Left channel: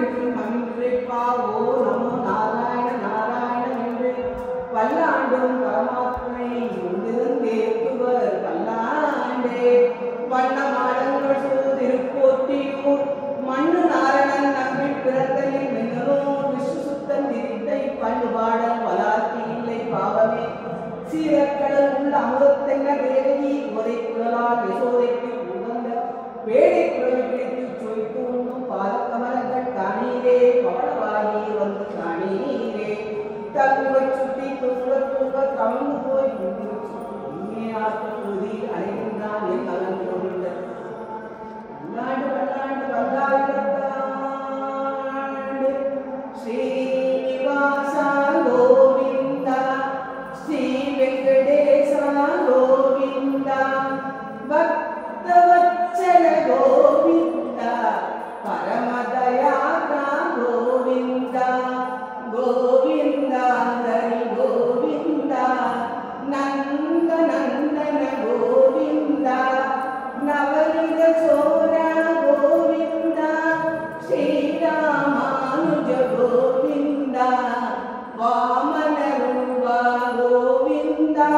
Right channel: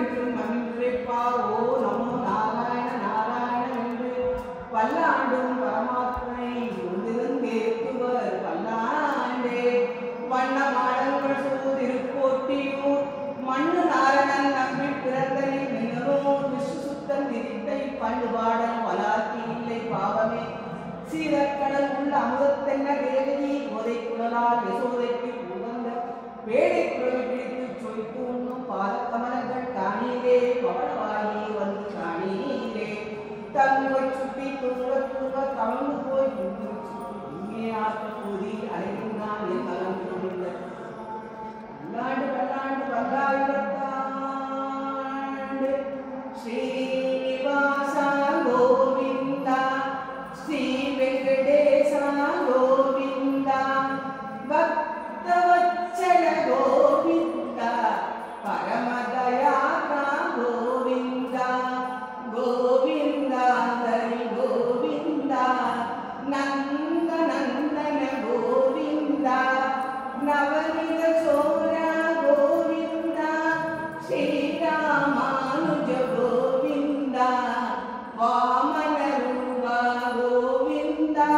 என்றும் மன்றிப்பாவோ நமோ நாராயண நாராயண என்று பல்லாண்டும் பரமாத்மனை ஒன்றிருந்தேத்துவர் பல்லாண்டே. வண்ண மாடங்கள் சூதிருப்போட்டியூர் மண்ணு நாரணன் நம்பில் பிறந்தனில் மின்னலூர் விஷ்ணு சுத்தம் விரித்தை பண்டு பாடல் வளார்த்தி இல்லை பாவமே. சீரக்கடல் உள்ள அமுதத்தென்ன தேவகி கோதை குழலால் யசோதைக்கு உகந்த வேடை குழவி பிடித்து சொய்த்து உண்ணும் பாதக்கமலங்கள் காணீரே பவளவாயி வந்து காணீரே. தங்குவச் சுட்டி தூங்க கவர்ந்து போய் உண்மையாக்க கூறி அனைவரும் என் கலந்து கொண்டிருந்த பல்லாண்டு பல்லாண்டு பல்லாயிரத்தாண்டு. ஸ்ரீனிவாசா கோவிந்தா ஸ்ரீ வெங்கடேசா கோவிந்தா பக்தவத்சல கோவிந்தா பரமதயாகா கோவிந்தா கோவிந்தா ஹரி கோவிந்தா நந்த நந்தன கோவிந்தா நவனித சோரா கோவிந்தா ஸ்ரீராமானுஜ கோவிந்தா வாமன ரூபா கோவிந்தா